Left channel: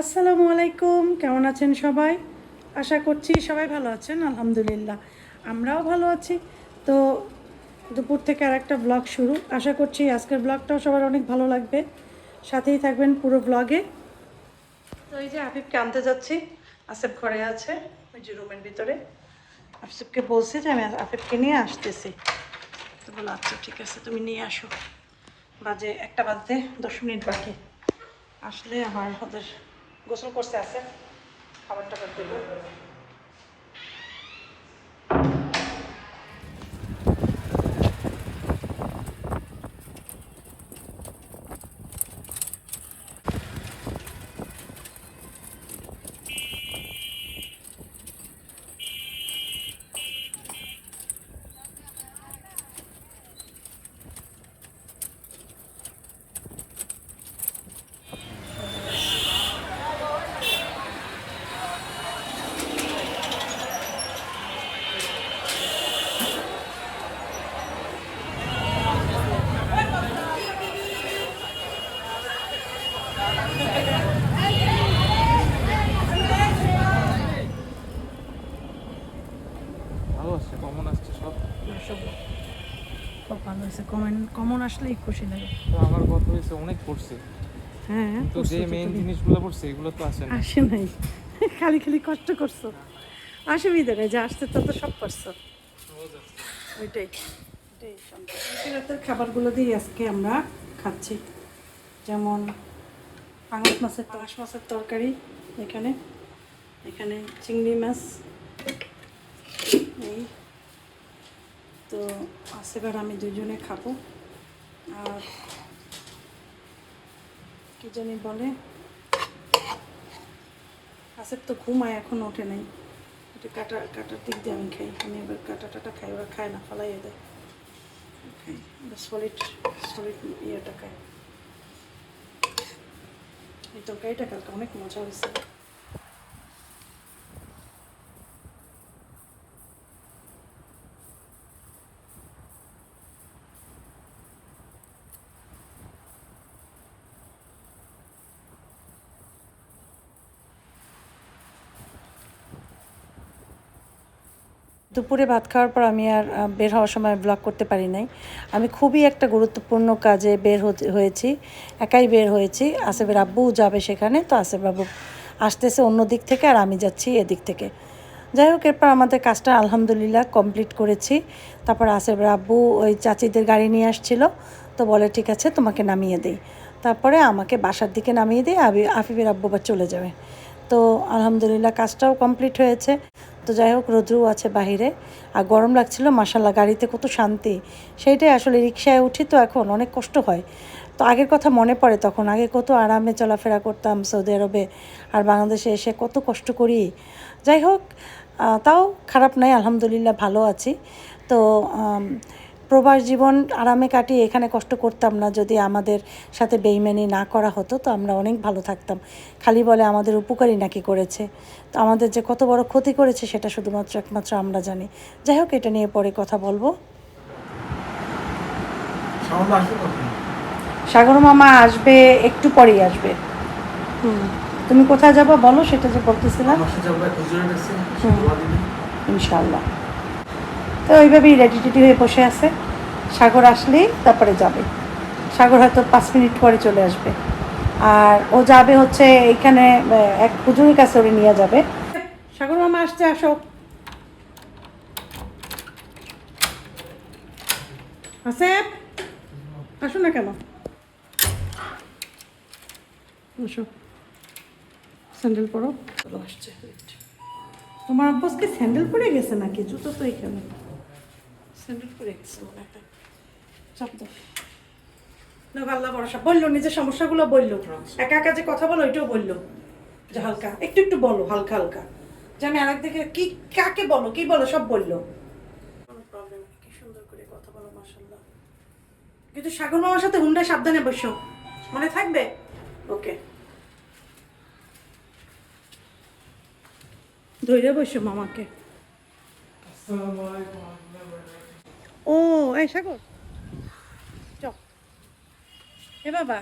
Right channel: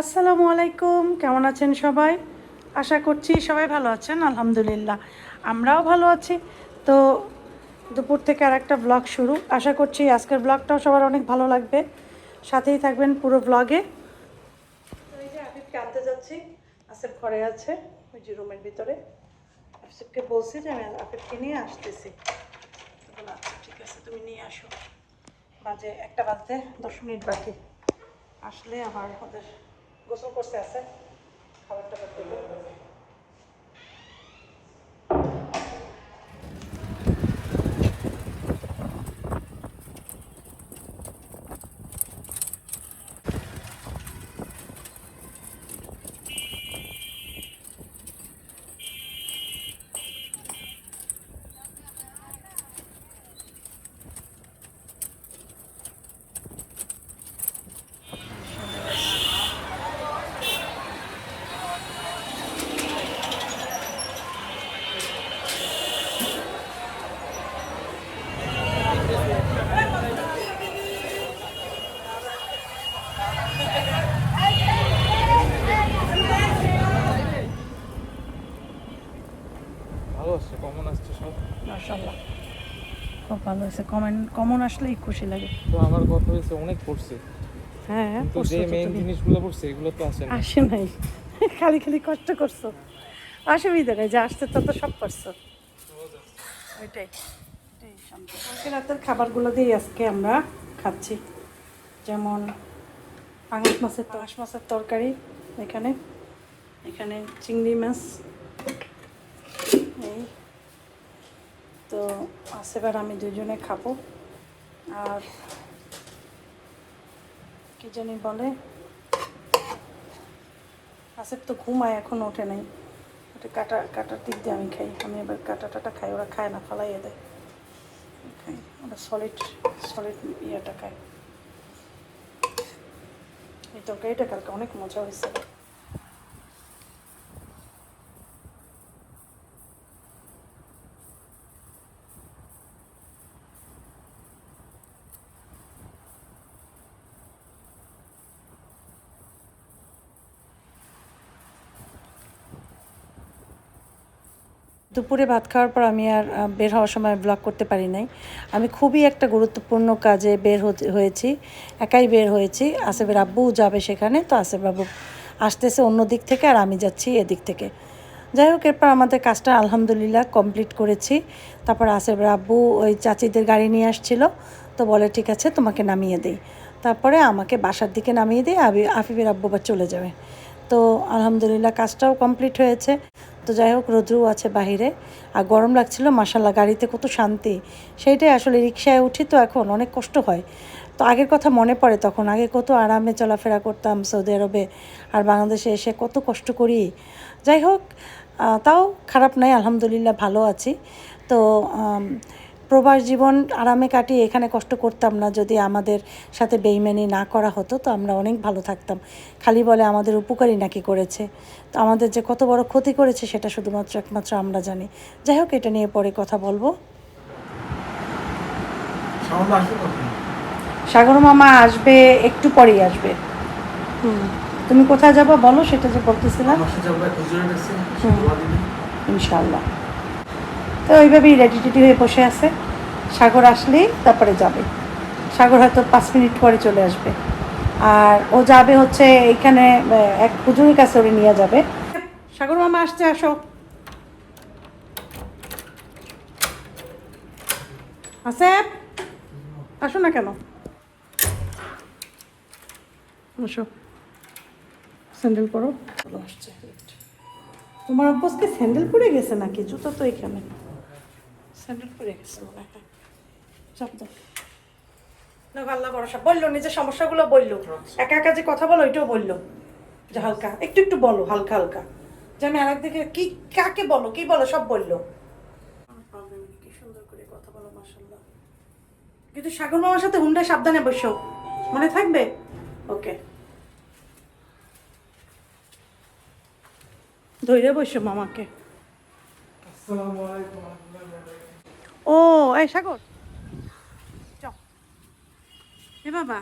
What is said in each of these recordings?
আসসালামু আলাইকুম, কেমন আছেন সবাই? আশা করছি সবাই ভালো আছেন। আলহামদুলিল্লাহ আমরাও ভালো আছি। তো দুপুর থেকে আর একটা ব্লগ শুরু। আশা করছি আজকের ব্লগটাও সবার অনেক ভালো লাগবে, সাথেই থাকবেন পুরো ব্লগে। তো এই যে আফিফকে আনতে যাচ্ছি, আসিফ ঘরে আছে ওই যে রুমের ভিতরে। আসিফকে বলছি যে আমি আফিফকে নিয়ে আসতেছি, তো বলো আচ্ছা ঠিক আছে তুমি নিয়ে আসো। বাজে 1টা বাজতে 10 মিনিট বাকি। আসলে আমার ওদের গোসল করতে আছে, খাবার টাবার দেবো। ভালো আসছে, কমন আসছে সব। মাশাআল্লাহ খুব ভালো হয়েছে। কমন আসলেই খুশি লাগে। তো আমার কথা হয়েছে অনেক পড়ছে, হ্যাঁ কিন্তু যে পড়ছো তো মেইন তুমি, জিনিসগুলো পড়ছে এগুলো তো আসে না। আসে নাই। খালি খালি কষ্ট করছো, অসুবিধা নেই, যে আসতে তো সব করছো। ওইটাই ওইটাই শান্তি। কালকে রাতের খাবারগুলো দিয়ে আজকে আমরা খাচ্ছি, যেমন পাঙাশ মাছের তরকারি, এখানে এখানে চিংড়ি মাছ, এই তো আসেবার আমি দুজনে খাবো। আর কি জানি বলে, আসেব তো ঘুমায়, এখন ওঠে নাই। ওটা কাটার দিক দিয়ে আমি খাই, আমি এবার কাটা খাই, ওরা খায় না, ফালাইয়ে দেয়। খাই ওরা সলিড সলিড ইয়েটা খায়। এই তরকারিটা কালকে অনেক মজা হয়েছে। দুপুরে ভাত খাওয়ার পর আমি আর বের হওয়ার সময় ব্লগ করতে পারি নাই। আমি খুবই একটা গুরুত্বপূর্ণ কাজে বের হয়েছি, একাই বের হয়েছি। আসেফের আব্বু যাবে সেখানে, তো আসেফ বাবু আসতেছে অন্য দিক থেকে আর আমি যাচ্ছি এদিক থেকে। যাই হোক, এরপর আমাদের কাজটা আলহামদুলিল্লাহ কমপ্লিট করেছি। তারপর আসেফের আব্বু ওই চাচিদের গাড়ি নিয়ে আসছিল, তো বলে ঠিক আছে তোমাকে নামিয়ে দিই। তারপরে আমাকে বাসার দিকে নামিয়ে দিয়ে আফিফের আব্বু আবার চলে যাবে। তো আলহামদুলিল্লাহ কাজটাও কমপ্লিট হয়েছে। তো যাই হোক, রোদ্রু আছে বাহিরে আর গরম লাগছিল, মাশাল্লাহ গাড়িতে কত শান্তি। সেইটাই আসলে, রিক্সায় উঠি তো এখন অনেক কষ্ট হয়। তো আগের কথা মনে পড়ে, তখন আগে কত আরামে চলাফেরা করতাম সৌদি আরবে, আর বাংলাদেশে এসে কত কষ্ট করি। যাই হোক, তাও খারাপ নাই, আলহামদুলিল্লাহ ভালো আছি। তো প্রবাস জীবন আরামে কাটিয়ে এখানে কষ্ট করতাম না, যদি আমাদের সাথে বেইমানি না করা হতো, তো আমরা অনেক ভালো থাকতাম। খালি বলে আমাদের উপকারই নাকি করেছে, তো আমাদের যে কত বড় ক্ষতি করেছে সেটা শুধুমাত্র একমাত্র আমরা জানি। যাই হোক, এটা নিয়ে পরে কথা বলবো। সাগর মামা আসবে একটু পরেই আসবে। তুমি কোথায় যাবো বলো, সেটা যে বলতেছিলাম। ইনশাল্লাহ। তো ওইভাবেই রেডি টেডি হয়ে বসে আছে, সাগর আসলেই তারপরে যাবে। সাগর হয়তো 5 মিনিট পরে চলে আসবে। আর ও যাবে হচ্ছে এইখানে এক হুজুরের কাছে, ওরে নিয়ে যাবে। সাগর মামা আসছে, আসো। আসেফ, আসো না কেন, আসো। স্যান্ডেল পরো, চলো আসছে। তোমার অভ্যাসকে স্যান্ডেল পরে গেছে নাকি? জুতো তো এখানে, স্যান্ডেল পরে গেছে মনে হয়। চাপ দাও না, আল্লাহ ভরসা। বললো নিজের সমস্যাগুলো বললো, একা একা যে কথা বলো ওইটাও বললো, যে হালকা একটু একটু বলো, হালকা হালকা, যে আমি আরেক দিকে কি কাকে বলো কি বলো সব বললো। কি সুন্দর করে কথা বলো মাশাআল্লাহ। কিন্তু সাগর মামার সাথে হুন্ডা সাবধানে বসো, মনে থাকবে? ওকে, ধৈর্য বসো মামাকে। ও এই সাগর, চল এ বাবা,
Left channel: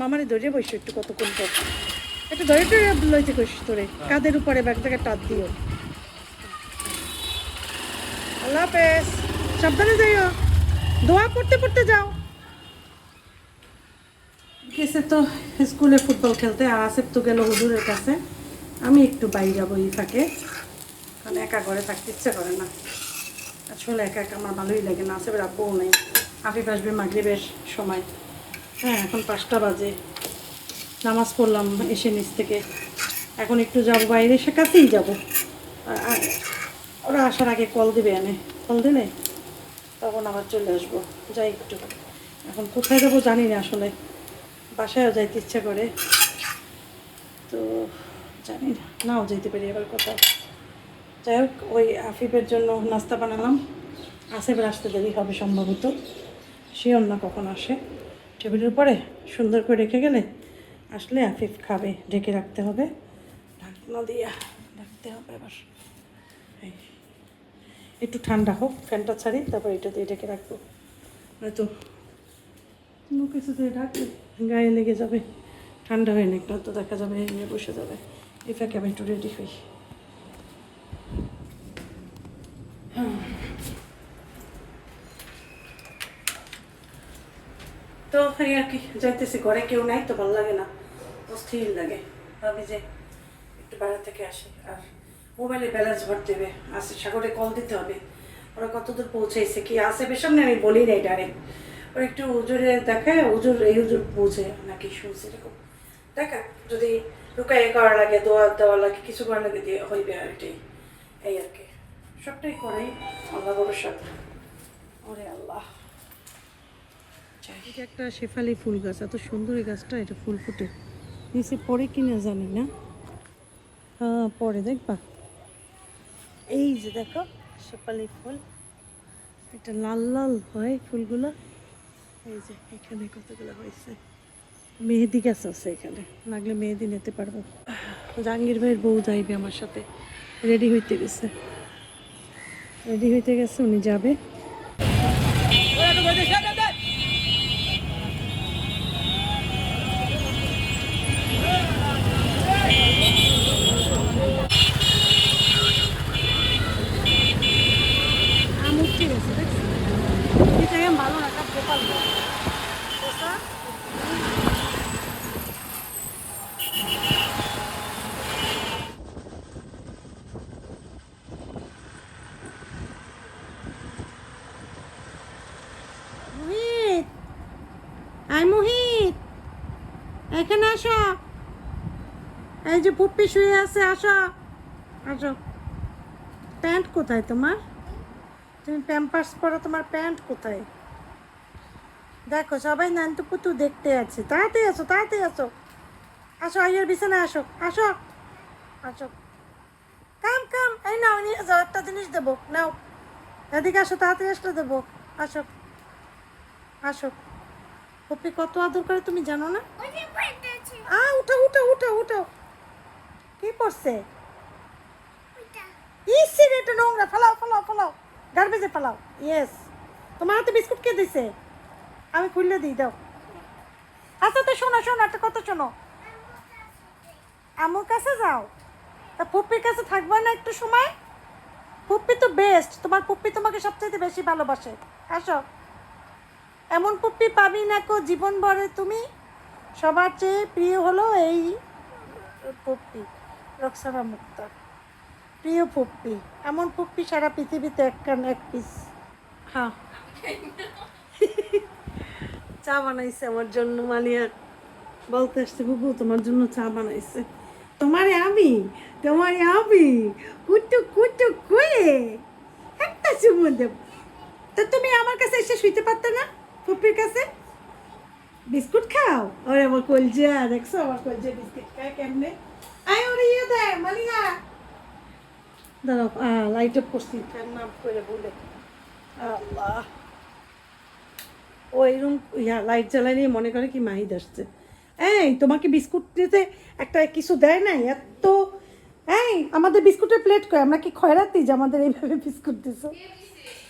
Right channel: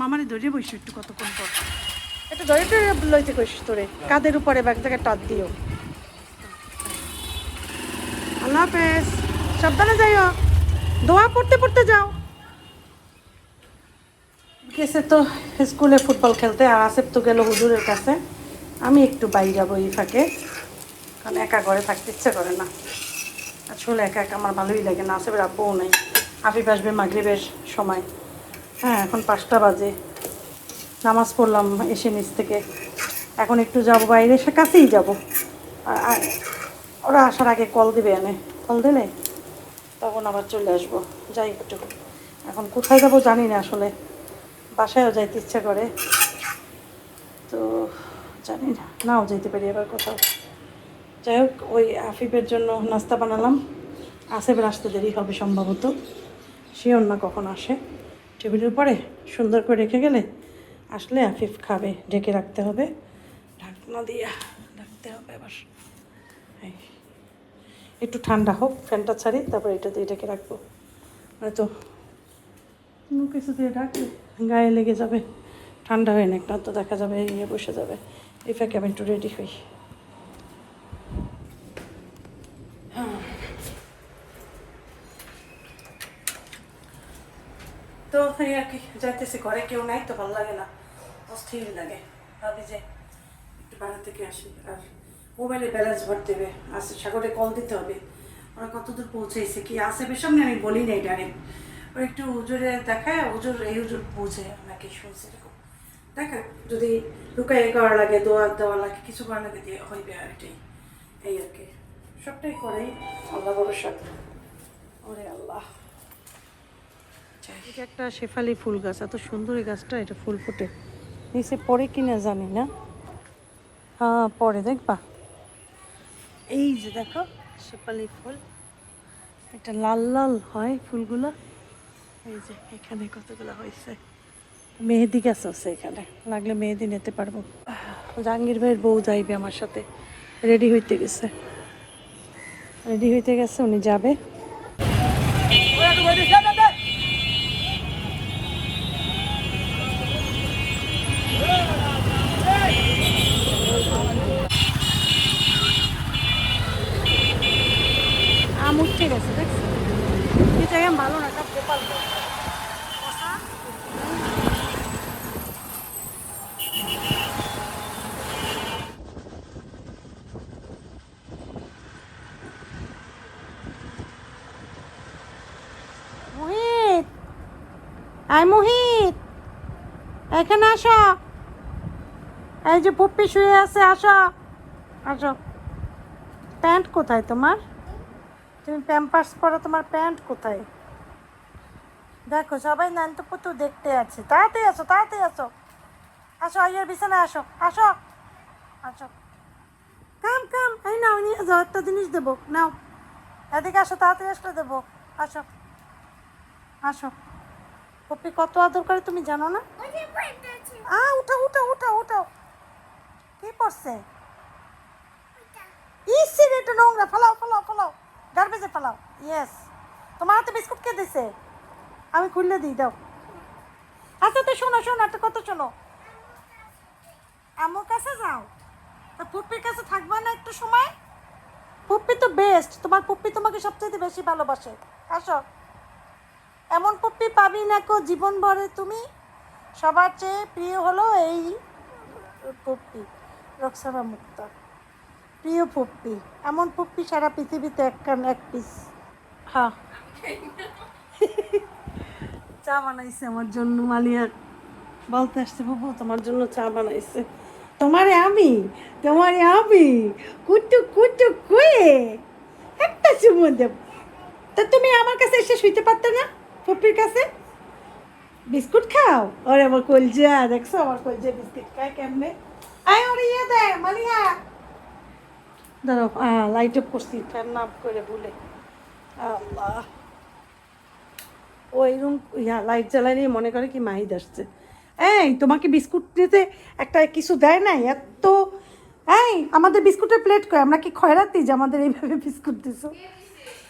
মামারে ধৈর্য বসো একটু কতক্ষণ পর। এটা ধরে লইতে কইস তোরে কাদের উপরে ব্যাগটাকে টাচ দিও। আল্লাহ হাফেজ, সাবধানে যাইও, দোয়া পড়তে পড়তে যাও। গেছে তো স্কুলে ফুটবল খেলতে, আর আসেফ তো গেল হুজুরের কাছে। আমি একটু বাইরে যাবো এই ফাঁকে, কারণ একা ঘরে থাকতে ইচ্ছে করে না। আসলে একা একা আমার ভালোই লাগে না। আসেফের আব্বুও নেই, আফিফ আসবে মাগরিবের সময়। হ্যাঁ এখন 5টা বাজে, নামাজ পড়লাম এসে নিচ থেকে। এখন একটু যাবো বাইরে, সে কাছেই যাবো। আর ওরা আসার আগে কল দিবে, এনে কল দিলে তখন আবার চলে আসবো। যাই একটু, এখন কোথায় যাবো জানি না আসলে, বাসায়ও যাইতে ইচ্ছা করে তো জানি না, নাও যেতে পারি আবার কোথাও। যাই হোক, ওই আফিফের জন্য নাস্তা বানালাম। আসেফের আসতে দেরি হবে সম্ভবত, শিওর না কখন আসে। টেবিলের উপরে সুন্দর করে রেখে গেলে আসলে আফিফ খাবে, ঢেকে রাখতে হবে, ঢাকনা দিয়ে রাখতে হবে। আবার এই, একটু ঠান্ডা হোক, ফ্যানটা ছাড়ি, তারপর এটা দিয়ে ঢেকে রাখবো। হয়তো কোনো কিছু দিয়ে রাখলে গায়ে লেগে যাবে, ঠান্ডা হয়ে না একটু, তো দেখা যাবে ইয়ে বসে যাবে। এই ফাঁকে আমি একটু রেডি হই। তো এই আর কি, যাইতেছি, ঘরে কেউ নাই তো ভালো লাগে না, অস্থির লাগে। ভাবি যে একটু বাইরে থেকে আসি। আর মোবাইলে ব্যালেন্স ভরতে হবে, আসে সাগরে কল দিতে হবে। ওরা কতদূর পৌঁছাইছে কি আছে বের সামনে আমি বলি নাই ডাইরেক্ট। ওরা একটু উজুরে দেখায়, উজুর এই উজুর পৌঁছে নাকি শুনছি এরকম দেখা। যদি লুকাই করা লাগে, দোয়া দেওয়া লাগে, কিছু করা লাগে দিয়ে হইবে। আর এটাই, এই আর কি, সবটাই করে আল্লাহ ভরসা। ওরে আল্লাহ। এটা একটা শেফালি ফুল গাছ, এত সুন্দর এই গাছটা, এটা ফুল ফুটে নিচে পরে কিনা জানি না। হ্যাঁ পরে দেখবা, এই যে দেখো শেফালি ফুল, এটা লাল লাল হয় ফুলগুলো। এই যে এখানে কতগুলো হয়েছে, মেহেদি গাছ আছে এখানে, লাগলে মেহেদি নিতে পারবো। জাহাঙ্গীর ভাইয়ের বউ যাইবে আমার সাথে, রেডি হইতে গেছে, উনি যাবে। উঠতে গেছে, দেখছি এই জায়গায় ভালো না, সব গোপাল মুহিত, আয় মুহিত, এখানে আসো। এই যে পুপ্পি শুয়ে আছে, আসো আসো। প্যান্ট কোথায় তোমার? তুমি প্যাম্পার্স পরো, তোমার প্যান্ট কোথায়? দেখো সবাই নান্তু পুতু দেখতে আছে। তাড়াতাড়ি আসো, তাড়াতাড়ি আসো, আসো আইয়ার বিছানায় আসো, আসো আসো। কাম কাম, এই নাও নিয়ে যাও, একটা জিনিস দেবো, নাও এদিকে আসো, তাড়াতাড়ি আসলে দেবো, আসো আসো। পপি কত আদর করে তুমি জানো না? উঠাও উঠাও উঠাও উঠাও। কি পড়ছে? ইসের এটা নোংরা, ফেলাও ফেলাও ফেলাও, গার্বেজে ফেলাও। ইয়েস, তোমার হাতে বিস্কুট কে দিছে? আমি খুললে দিই, দাও। আচ্ছা তো শোনো শোনো, একটা কথা শোনো, আমুর কাছে যাও, তা পুপ্পির কাছে থাকবা না একটু সময়? পুপ্পি তো বেস্ট, তোমার পুপ্পি তোমাকে সবচেয়ে বেশি ভালোবাসে। আসো, এমন পুপ্পি পাবি না কো জীবন ভরে। তুমি সবার চেয়ে প্রিয় হলো এই পুপ্পি, রক্সানা মুক্তা, প্রিয় পুপ্পি। এমন পুপ্পি সারা পৃথিবীতে এক পিস। হ্যাঁ চা বানাইছে আমার জন্য মালিয়া, বলতে আসছে বুবু তোমার জন্য চা বানাইছে। তোমারে আমি কুটু কুটু কুয়ে একটা চুমু দেব। তা তুমি আমার কাছে এসে শুইতে পারতে না? পুপ্পির কাছে বিস্কুট খাও। ওরে আমার কলজা, দেখছো আমার কলজা বিস্কুট খায় কেমনে। আয় ওরে ইয়ে দে মালিয়া, দাঁড়াও লাইট অফ করছি, ফ্যান না অফ করে ভুলে। আল্লাহ, ওই রুম লাইট জ্বালাইলে মনে করে কি মাহিদ আসছে। এই তোমাকে বিস্কুট দিতে একটা কিছু দেয় নাই এত? এই আমাদের বিস্কুটের প্লেট কই? আমরা কি খয়রাতি যে আমাদের এইভাবে বিস্কুট দিছো?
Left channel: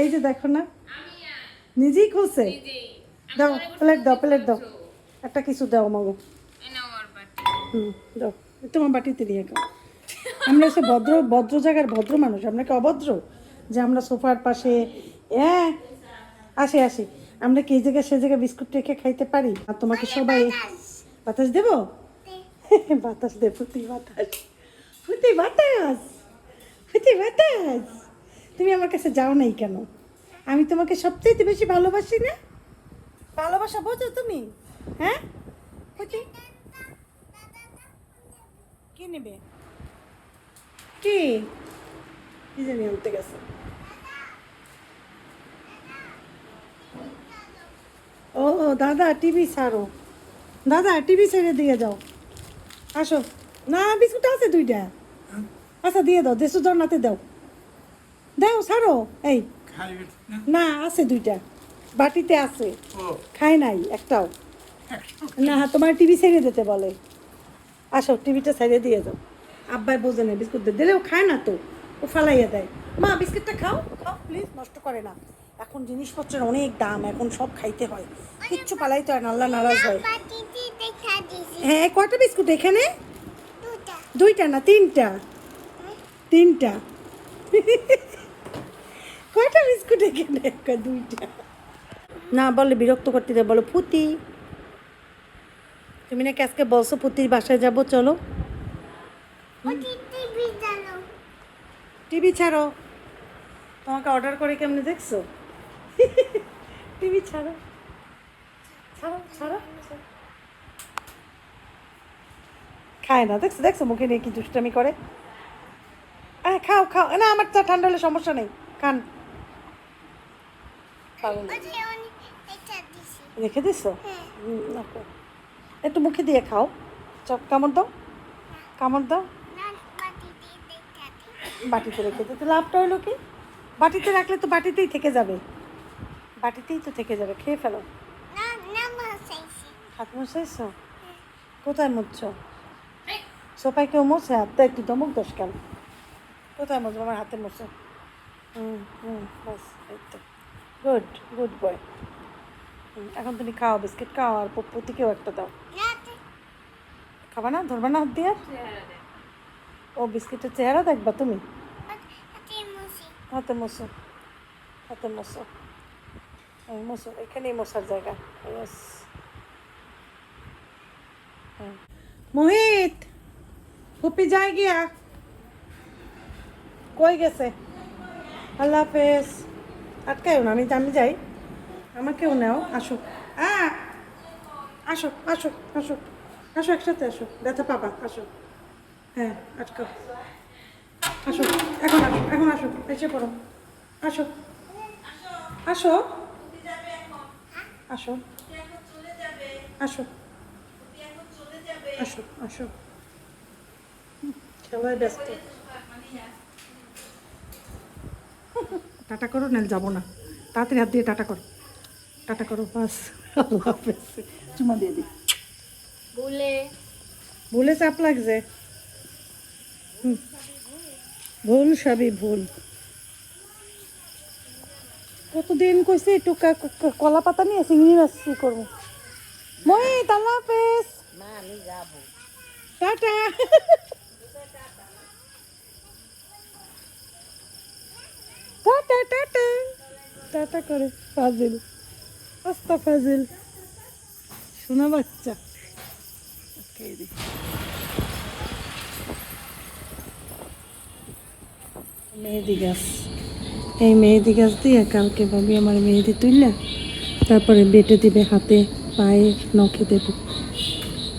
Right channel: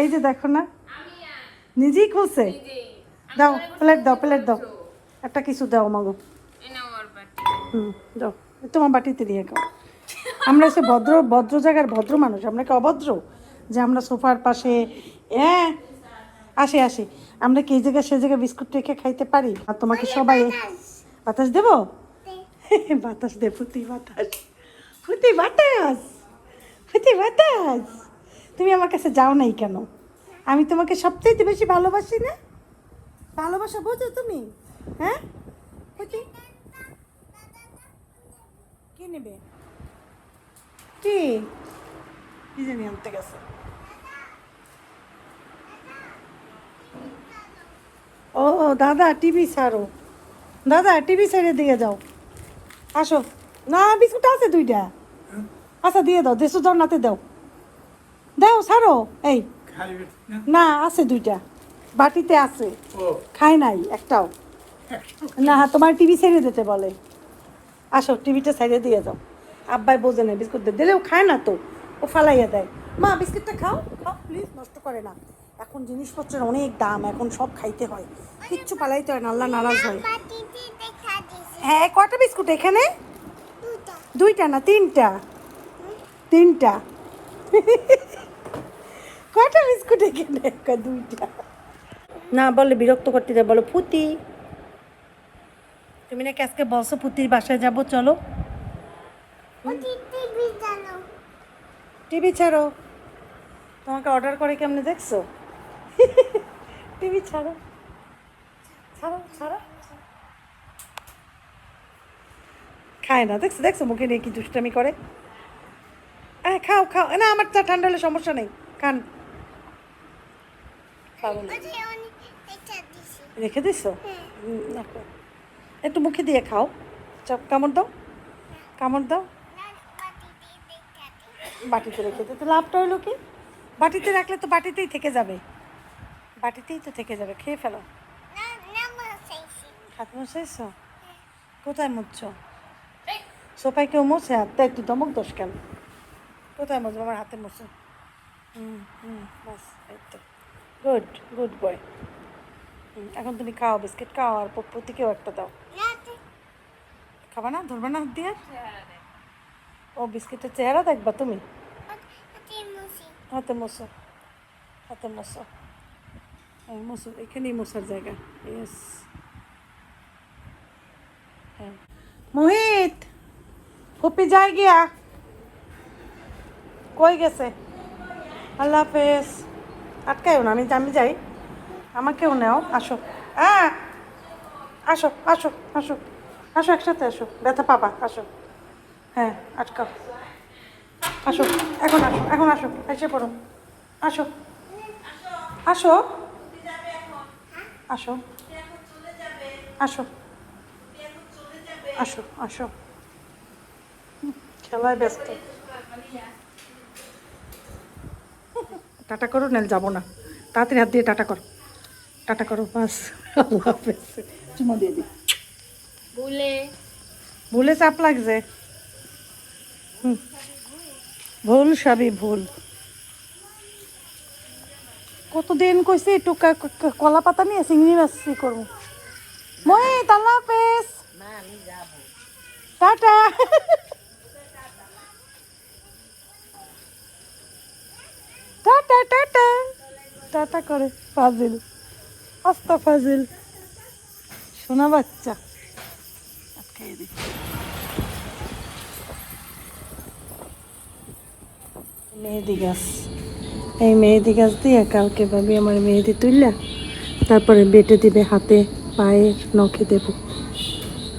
এই যে দেখো না, নিজেই খুলছে। দাও প্লেট, দাও প্লেট, দাও একটা কিছু দাও মাগো। দাও। তোমার বাটিতে দিয়ে খাও। আমরা হচ্ছে ভদ্র ভদ্র জায়গার ভদ্র মানুষ, আমরা কি অভদ্র যে আমরা সোফার পাশে হ্যাঁ আসে আসে আমরা কি এই জায়গায় সে জায়গায় বিস্কুট রেখে খাইতে পারি? আর তোমাকে সবাই বাতাস দেবো? বাতাস দে, ফুটি বাতাস, ফুটি বাতাস, ফুটি বাতাস। তুমি আমার কাছে যাও নাই কেন? আমি তোমাকে সবচেয়ে বেশি ভালোবাসি না? ভালোবাসা বোঝো তুমি? হ্যাঁ ফুটি কি নেবে? কি কি জানি আনতে গেছে। ও দাদা টিভি ছাড়ো, দাদা টিভি ছেড়ে দিয়ে যাও। আসো না, বিস্কুট আছে দুইটা। আচ্ছা দিয়ে দাও, দেশু নাতে দাও, দাও ছাড়ো। এই খাইবে না? না আছে দুইটা, বাটিতে আছে, ও খাই নাই একটাও। না তোমার টিভি ছেড়ে দিতে বলে। আসো টিভিটা ছেড়ে দিয়ে যাও। আব্বাই বোঝে না, বিস্কুট দিলেও খায় না তো, ও ফালাইয়া দেয়। মা বিস্কুটটা খাও, খাও প্লিজ, নষ্ট করে না। এখন জিনিসপত্রের অনেক দাম, এখন সব খাইতে হয়, কিচ্ছু পালাইতে হয় না, আল্লাহ নারাজ হয়। হ্যাঁ কয়টা বিস্কুট এখানে? দুইটা না তিনটা, তিনটা। কয়টা বিস্কুট এখানে? দুইটা। না বলে বিরক্ত করতে দেয়, বলো ফুতি। তুমি নাকি আজকে বলছো পুতির বাসায় যাবো, চলো। টিভি ছাড়ো, তোমাকে অর্ডার করে কেমনে দেখছো? টিভি ছাড়ো, ছাড়ো ছাড়ো। খায় না, দেখছো দেখছো মুখে নিয়ে কি দুষ্টামি করে। আরে খাও খাও, না আমার চা ঠান্ডা হলে সমস্যা নেই, খান। রেখে দিছো? একটু মুখে দিয়ে খাও, চপ কামড় দাও, কামড় দাও। বাটিতে রেখে দিতে লাভটা হলো কি? বাটিতে রাখলে তো বাটিতেই থেকে যাবে, বাটিতেই তো থেকে যাবে, খেয়ে ফেলো। হাত মুছাইছো? কোথায় মুছছো? সোফায় কেউ মুছে? তাই একটু দমক দোষ কেন? কোথায় মুছবো? আমার হাতে মুছো। হ্যাঁ হ্যাঁ বাস, গুড গুড বয়। এখন তুমি খাও, বিস্কিট খাও, আর প্রতিকেও একটা দাও। খাবে না? ধরবে না হাত দিয়ে? ও বিস্কিটের চেহারা দেখবা তুমি? হাতে মুছো, হাতে মুছো, মুছো, এখানেই মশার জায়গা। ইয়েস। মোহিত ফুপি যায় গিয়া, কই গেছে? আল্লাহ হাফেজ। আটকায়ও না, আমি আমি যাই, আমাকেও নেও। আসো হ্যাঁ, আসো আসো আসো আসো, একসাথে আসো, ব্যথা পাবা, আসো। হ্যাঁ আটকাও, আসো এখন, আসো এখন, আসো এসে পড়ো, আসো আসো আসো আসো আসো আসো। খেলায় ব্যস্ত। টাটা করো, নাহলে যাবো না। তাড়াতাড়ি হাত দিয়ে টাটা করো, টাটা করো, বাস। আল্লাহ হাফেজ। চুমা দিয়ে দিই। ভুলে চাপ লাগছে। ভুল সবই ভুল। কতদিন কইছি একটু কলা পাতা নিয়ে চিংড়ি মাছ করবো। মোহিত আল্লাহ হাফেজ, টাটা। টাটা টাটা টাটা করে ফাজিল, আস্তা ফাজিল শোনা বাচ্চা। মেহেদি গাছ, এই মেহেদি গাছ দিয়ে কালকে ভাবি আমার মেহেদি তুললা, তারপরে বেটে দিবে হাতে পায়ে নখে দেব।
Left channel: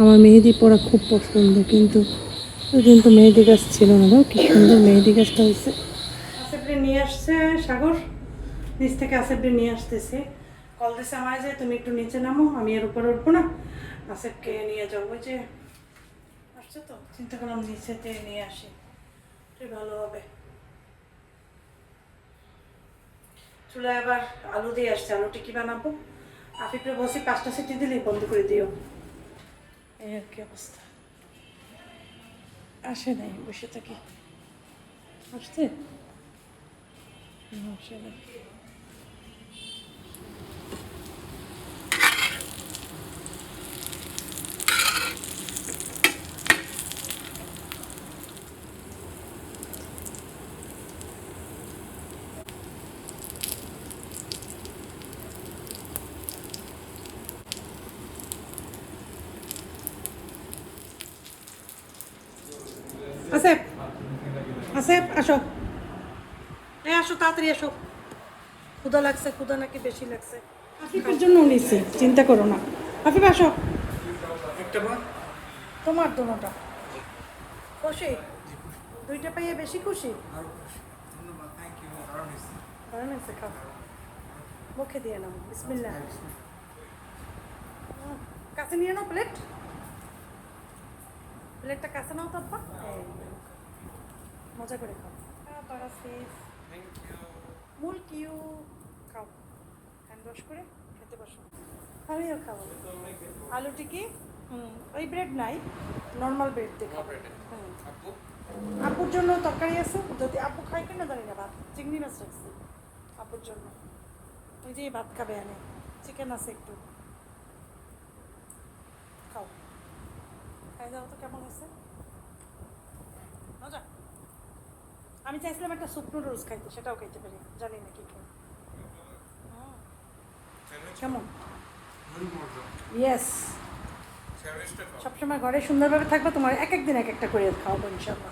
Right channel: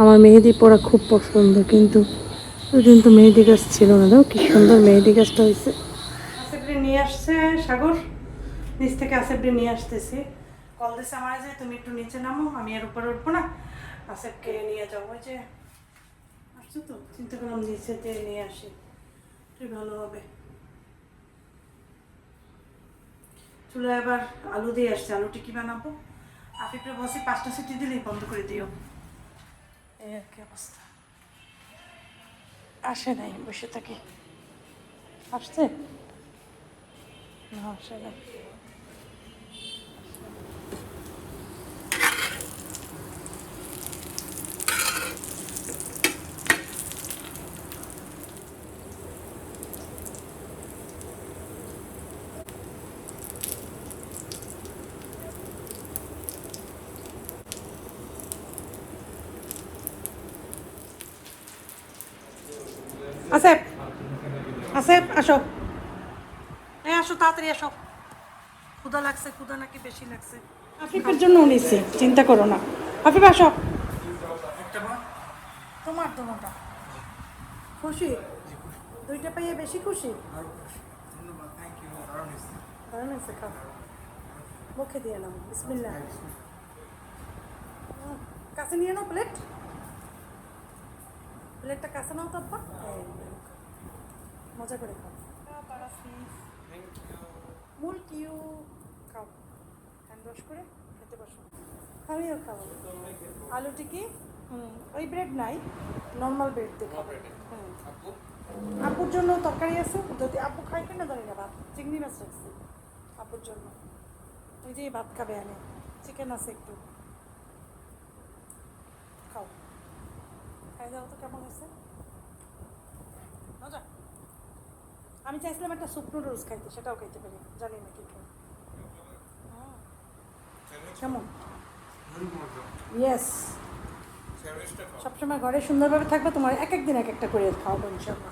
আমার মেহেদি পরা খুব পছন্দ, কিন্তু ওইদিন তো মেহেদি গাছ ছিল না। দাও কি সুন্দর মেহেদি গাছটা হয়েছে। আসিফরে নিয়ে আসছে সাগর, নিচ থেকে আসিফরে নিয়ে আসতেছি। কল দিছে আমার যে তুমি একটু নিচে নামো, আমি এর উপরে উঠবো না, আসিফকে নিয়ে যাবো। যে আসছো তো, চিন্তা করলাম নিচেতে নিয়ে আসি, তুই ভালো হবে। চুলায় আবার আলু দিয়ে আসছে, আলু টিকি বানাবো। আফিফরে বসে 5টা সিটি দিলেই বন্ধ করে দিও, এই আর কি অবস্থা। আসে নাই, বসে থাকি। আসছে না? আসে নাই। আসেফ আসেফ আসো, হ্যাঁ আসো তাড়াতাড়ি আসো। ক্ষুধা লাগছে, ক্ষুধা নাকি বেশি লাগছে। আফিফের জন্য নিছি, চিন্তা করো না। আফিফ আসো। তোমার তোমারটা খুশি? দুইটা পাইয়ে বেশি খুশি? দারুণ হয়েছে, খাও। মুখে দিয়ে নাও, বিসমিল্লাহ। কাছে নিয়ে নাও প্লেট, প্লেটটা কাছে নাও তো আব্বা। এই, মজা করে খাও। মূল কিউ খাও, হ্যান্ড ওয়াশ করে খেতে বসো। আমিও খাবো আলু টিকি। ওই ব্রেড নাই, নর্মাল ব্রেড দিয়ে খাবো। আপুর জন্য তরকারি আছে, যদি আপু খাই কিনা জানি না, ভাত চিংড়ি মাছ রাখছি আপুর জন্য। ওই যে ভাত খাবে, আমি চিকেন আছে একটু, খাও। খাই দাও তো, কেমন হয়েছে? মজা। আমি চাইছিলাম একটা স্যুপ নুডলস খাইতে, সেটাও খাইতে পারি, জানি না কি খাই। কেমন? ইয়েস, সবসময় ঘরে সুন্দরভাবে থাকবো, তোমার এক এক দিন এক একটা করে খাওয়াবো ইনশাল্লাহ।